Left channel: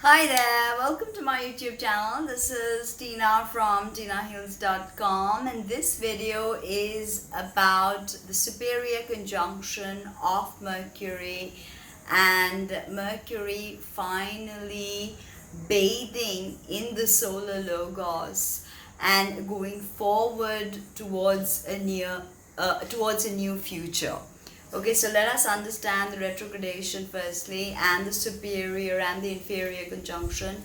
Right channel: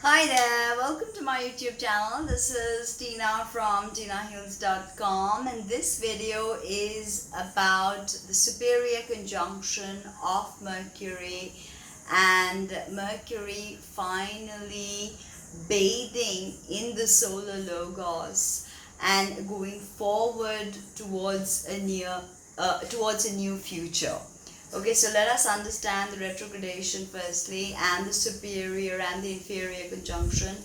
Hi there, welcome to my YouTube channel. This is Tina from Tinaheals.com, and this video is about the superior conjunction of Mercury and Mercury finally bathing in the solar logos and going forward towards a new future. Okay, so let us understand the retrogradation firstly, and the superior and the inferior conjunction.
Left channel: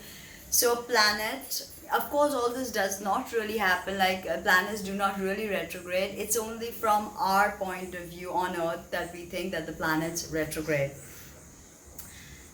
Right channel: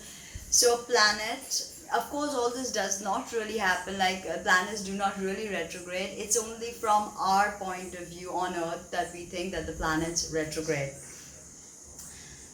So planet, of course, all this does not really happen, like planets do not really retrograde. It's only from our point of view on Earth that we think that the planets retrograde.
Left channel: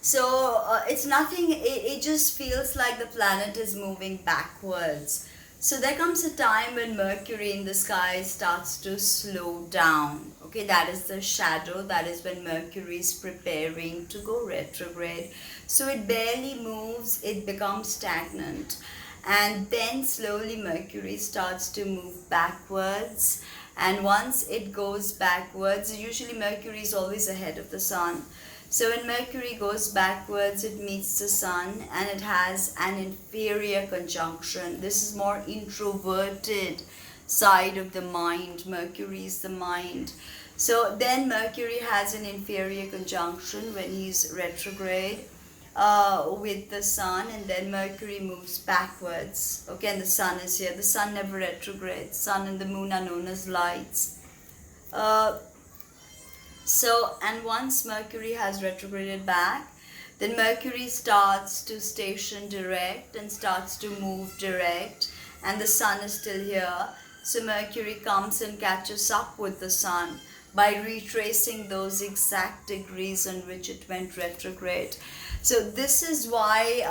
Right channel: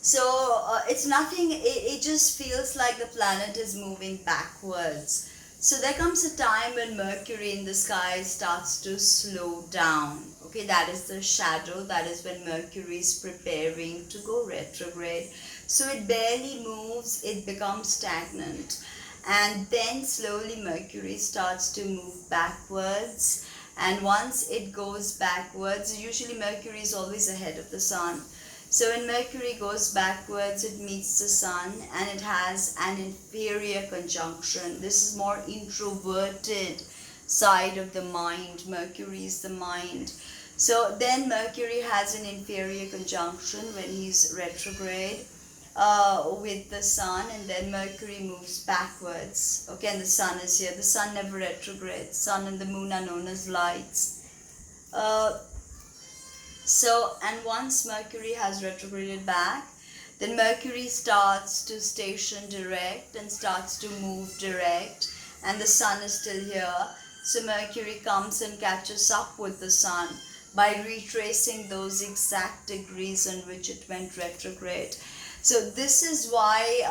So it's nothing, it just feels like the planet is moving backwards. So there comes a time when Mercury in the sky starts to slow down. Okay, that is the shadow. That is when Mercury is preparing to go retrograde. So it barely moves, it becomes stagnant. And then slowly Mercury starts to move backwards. And once it goes backwards, usually Mercury is always ahead of the sun. So when Mercury goes backwards, it meets the sun and it has an inferior conjunction. This is more introverted side of the mind. Mercury is the mind. So then Mercury has an inferior conjunction when he's retrograde with the sun, and then Mercury moves backwards. Okay, and the sun is here. The sun never retrogrades. Sun and the moon are known as lights. And once Mercury has retrograded back, then Mercury starts to station direct and starts to move direct, and the sun is still here. So Mercury comes and catches up with the sun by retracing those exact degrees on which it went retrograde. So this is why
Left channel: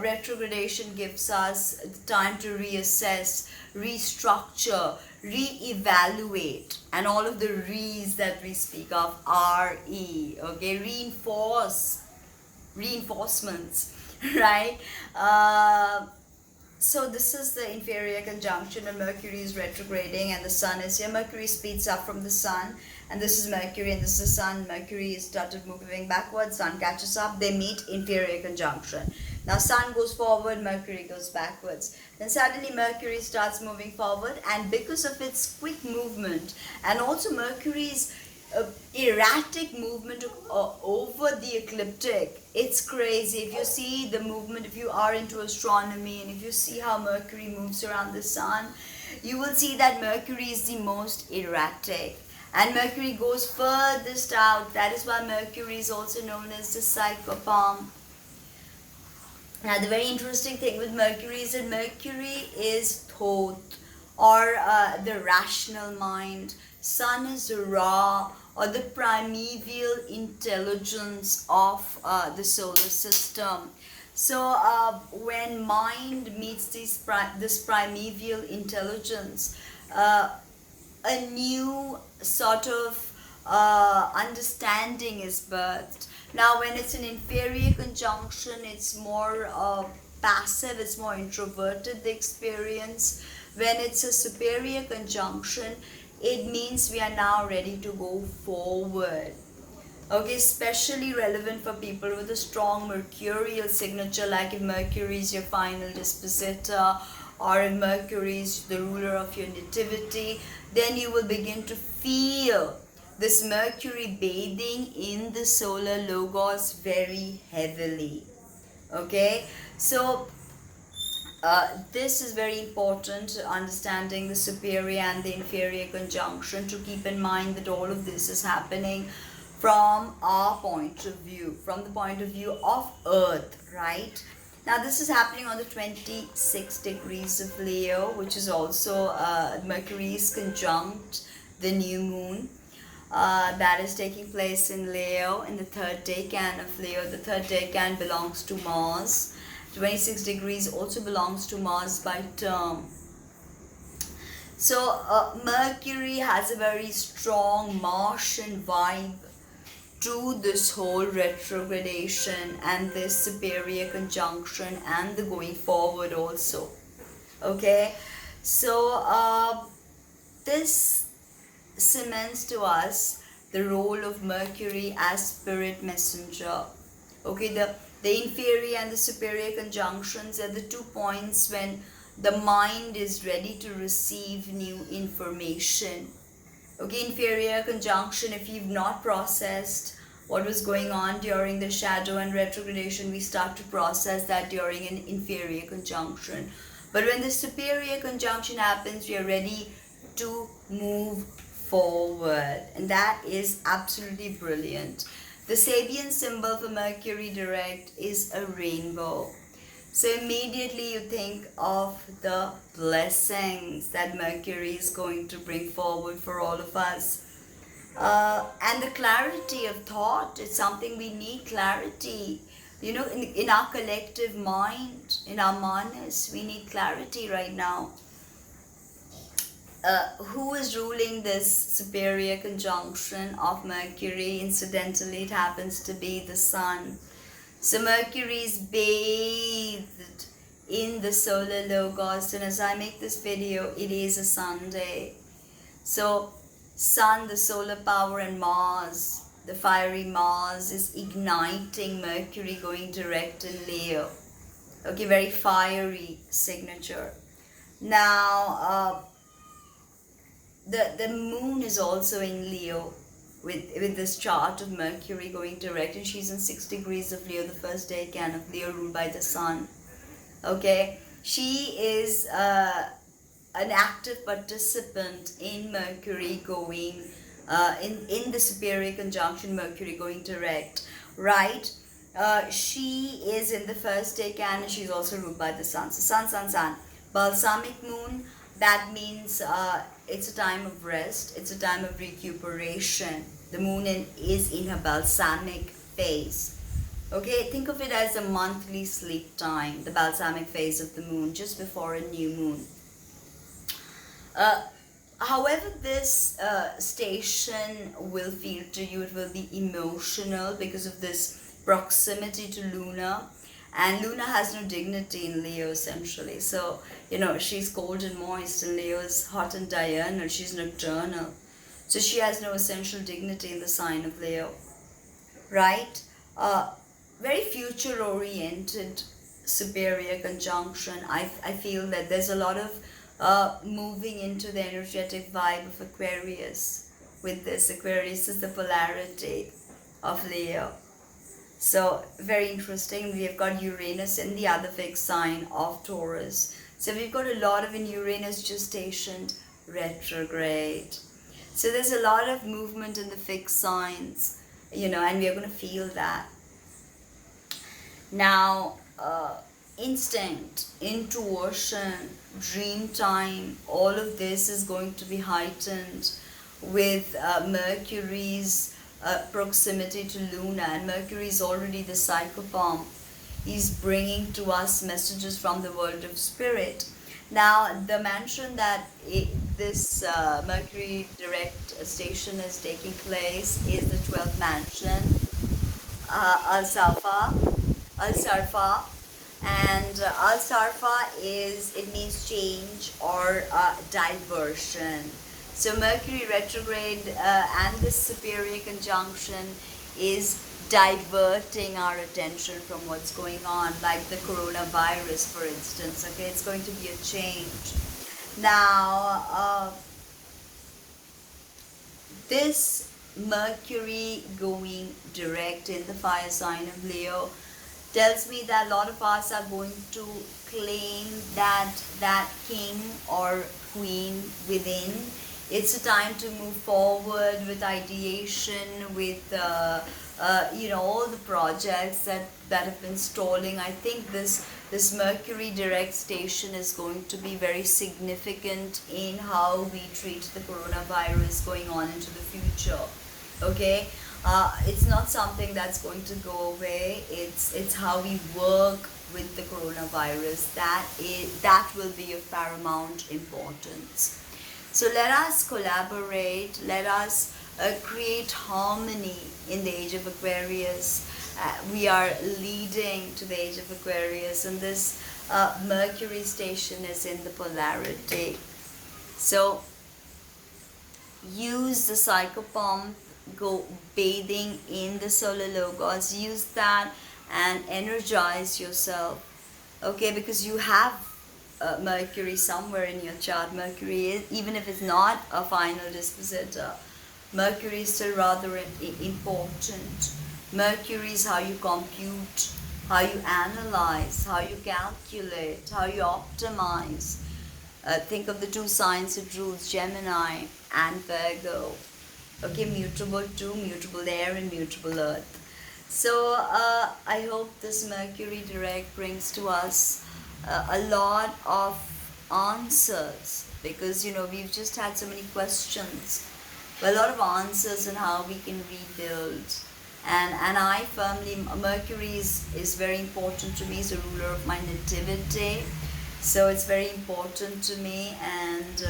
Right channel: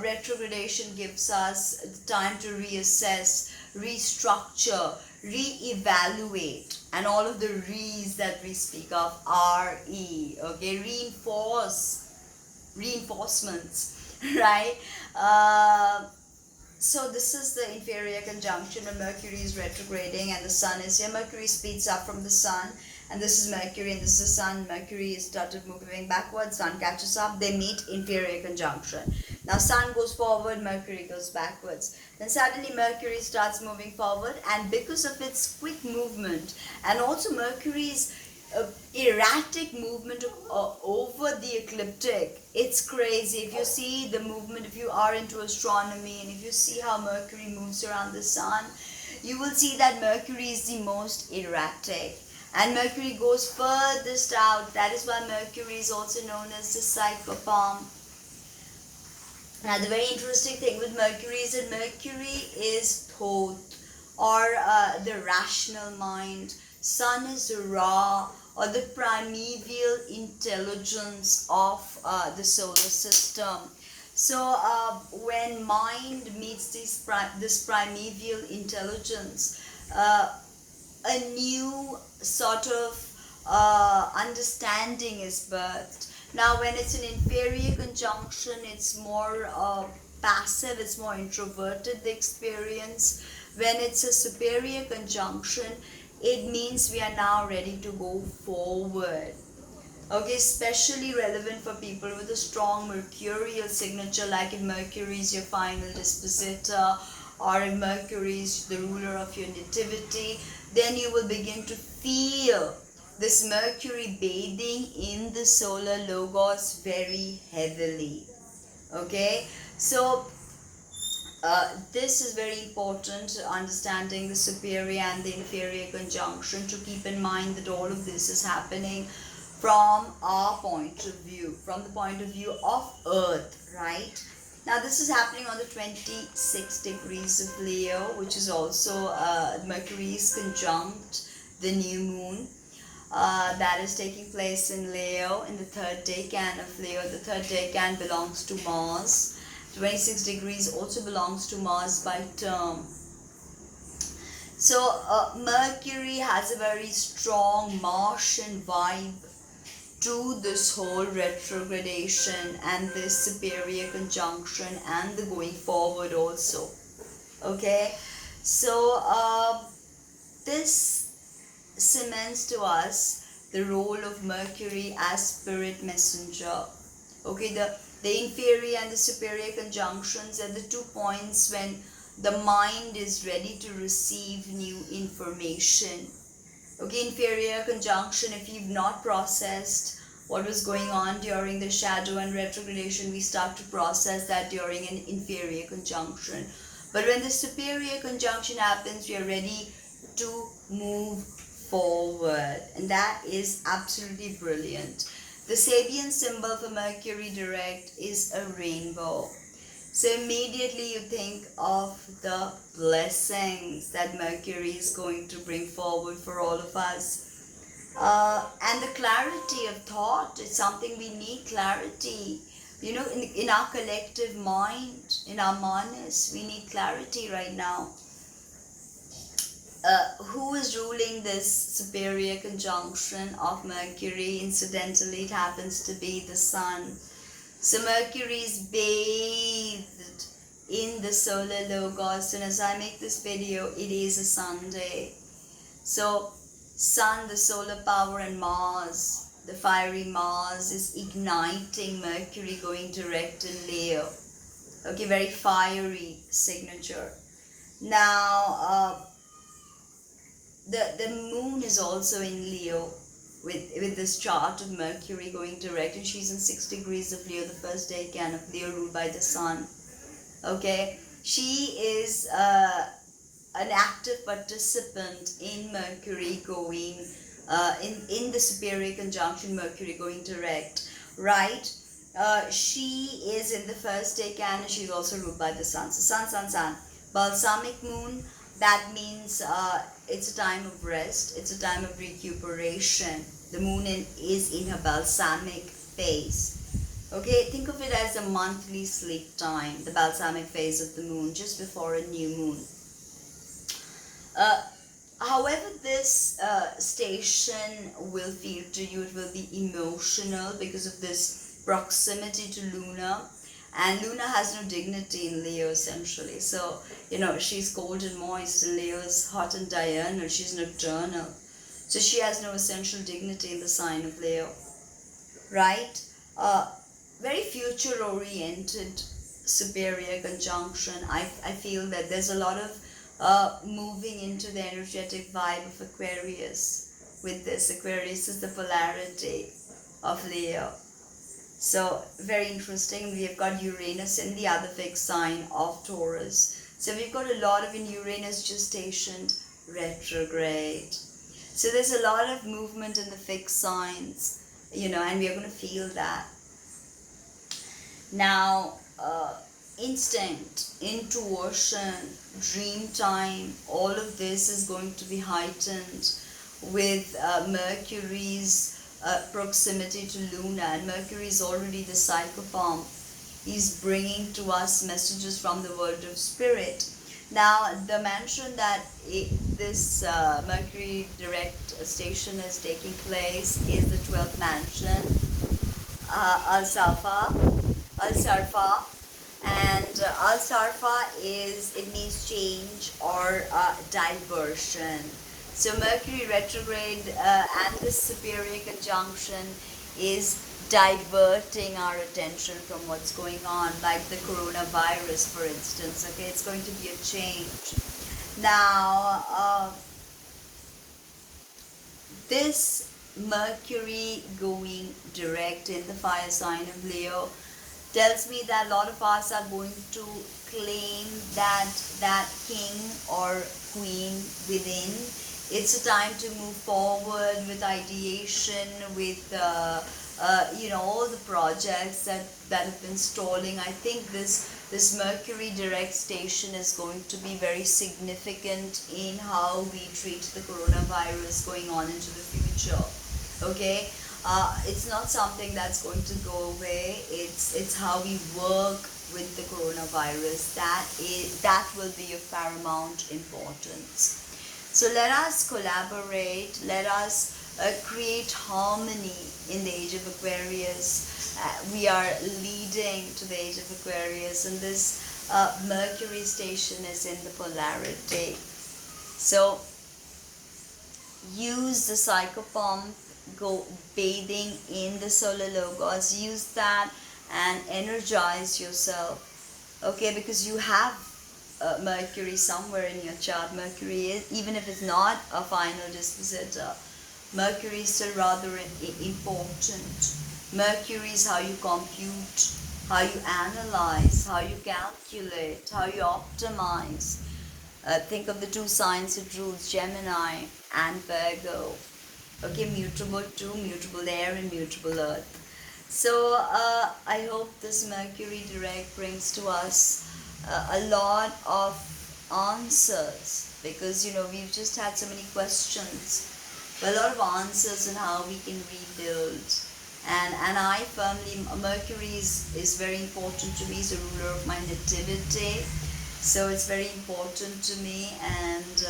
retrogradation gives us the time to reassess, restructure, re-evaluate, and all of the re's that we speak of, R-E, okay, reinforcements, right? So this is the inferior conjunction when Mercury is retrograding and the sun is here. Mercury speeds up from the sun, and this is Mercury and this is the sun. Mercury started moving backwards, sun catches up, they meet, inferior conjunction. Now sun goes forward, Mercury goes backwards. Then suddenly Mercury starts moving forward, and because of its quick movement and also Mercury's erratic movement over the ecliptic, it's crazy. If you see the movement, if you are into astronomy and if you see how Mercury moves around the sun, you will see that Mercury is the most erratic, and Mercury goes furthest out. That is why Mercury is also known as the psychopomp. Now the very interesting thing with Mercury is that Mercury is thoth, or the rational mind. Sun is Ra, or the primeval intelligence of the solar system. So when mind meets this primeval intelligence, a new sort of understanding is birthed. Now when it's an inferior conjunction, it's more passive, it's more introverted, the experience. When it's a superior conjunction, it means we are now ready to go forward. Okay, especially relevant for people with a strong mercurial signature, like if Mercury is your final dispositor, or if Mercury is the ruler of your nativity, then you will begin to feel this Mercury bathing in the solar logos very heavily. Okay, so this is very important, understanding the superior and the inferior conjunction, to keep in mind that all of this is happening from our point of view, from the point of view of Earth, right? Now this is happening on the 26 degrees of Leo, which is also Mercury is conjunct the new moon. That is taking place in Leo, in the third decan of Leo. The third decan belongs to Mars. 26 degrees also belongs to Mars by term. So Mercury has a very strong Martian vibe to this whole retrogradation and this superior conjunction and the going forward also. Okay, so this cements to us the role of Mercury as spirit messenger. Okay, the The inferior and the superior conjunctions are the 2 points when the mind is ready to receive new information. Okay, inferior conjunction, if you've not processed what was going on during the shadow and retrogradation, we start to process that during an inferior conjunction. But when the superior conjunction happens, we are ready to move forward, and that is absolutely brilliant. The Sabian symbol for Mercury direct is a rainbow. So immediately you think of the blessings that Mercury is going to bring forward for all of us. And the clarity of thought is something we need. Clarity, you know, in our collective mind, in our manas, we need clarity right now. Who is ruling this superior conjunction of Mercury? Incidentally, it happens to be the Sun. So Mercury is bathed in the solar logos, and as I make this video, it is a Sunday. So Sun, the solar power, and Mars, the fiery Mars, is igniting Mercury going direct in Leo. Okay, very fiery signature. Now, the moon is also in Leo with this chart of Mercury going direct, and she's in 6 degrees of Leo, the first decan of Leo ruled by the Sun. Okay, she is an active participant in Mercury going in the superior conjunction, Mercury going direct, right? She is in the first decan, and she's also ruled by the Sun. So Sun. Balsamic moon, that means it's a time of rest, it's a time of recuperation. The moon is in her balsamic phase. Okay, think of it as a monthly sleep time, the balsamic phase of the moon, just before a new moon. However, this station will feel to you, it will be emotional because of this proximity to Luna. And Luna has no dignity in Leo, essentially. So, you know, she's cold and moist, and Leo is hot and diurnal. She's nocturnal. So she has no essential dignity in the sign of Leo, right? Very future-oriented superior conjunction. I feel that there's a lot of moving into the energetic vibe of Aquarius with this. Aquarius is the polarity of Leo. So very interesting. We have got Uranus in the other fixed sign of Taurus. So we've got a lot of in Uranus just stationed retrograde. So there's a lot of movement in the fixed signs, you know, and we are going to feel that. Now, instinct, intuition, dream time, all of this is going to be heightened with Mercury's proximity to Luna, and Mercury is already the psychopomp. He's bringing to us messages from the world of spirit. Now, the mansion that this Mercury direct station is taking place is the 12th mansion, Al-Sarfa, and Al-Sarfa is, it means change or diversion. So Mercury retrograde and this superior conjunction is diverting our attention from what's going on, like the coronavirus, for instance. Okay, it's going to be a change. Now, this Mercury going direct in the fire sign of Leo tells me that a lot of us are going to claim that king or queen within. It's a time to move forward with ideation, with you know, all the projects that have been stalling. I think this Mercury direct station is going to be very significant in how we treat the coronavirus going on into the future. Okay, it's not something that's going to go away. It's how we work with the coronavirus that will be of paramount importance. So let us collaborate, let us create harmony in the age of Aquarius. We are leading to the age of Aquarius, and this Mercury station is in the polarity. So use the psychopomp, go bathing in the solar logos, use that and energize yourself. Okay, because you have Mercury somewhere in your chart. Mercury is, even if it's not a final dispositor, Mercury is still rather important. Mercury is how you compute, how you analyze, how you calculate, how you optimize. Think of the two signs it rules, Gemini and Virgo. Okay, mutable too, mutable air and mutable earth. So I hope this Mercury direct brings to us a lot of answers, because we've just had so many questions, but a lot of answers on how we can rebuild. And I firmly, Mercury is very important to me. It's a ruler of my nativity, so it's very important to me. And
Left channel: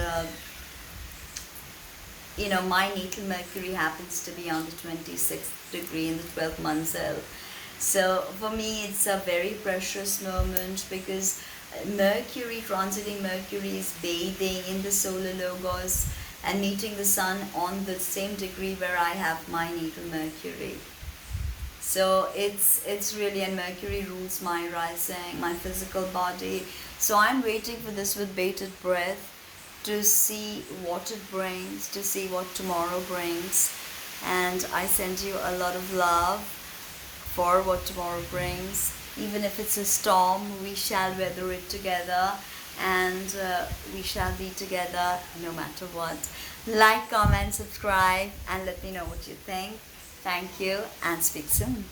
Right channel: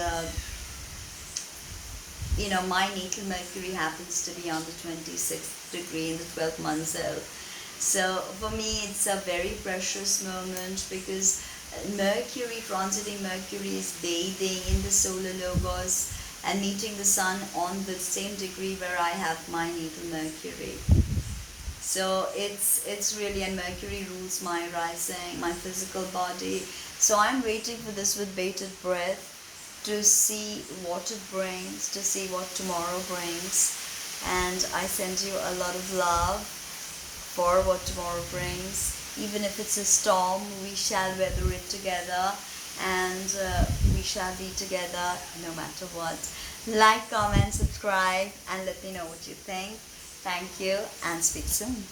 my natal Mercury happens to be on the 26th degree in the 12th month cell. So for me, it's a very precious moment, because Mercury, transiting Mercury, is bathing in the solar logos and meeting the sun on the same degree where I have my natal Mercury. So it's really, and Mercury rules my rising, my physical body. So I'm waiting for this with bated breath, to see what it brings, to see what tomorrow brings. And I send you a lot of love for what tomorrow brings. Even if it's a storm, we shall weather it together, and we shall be together no matter what. Like, comment, subscribe, and let me know what you think. Thank you, and speak soon.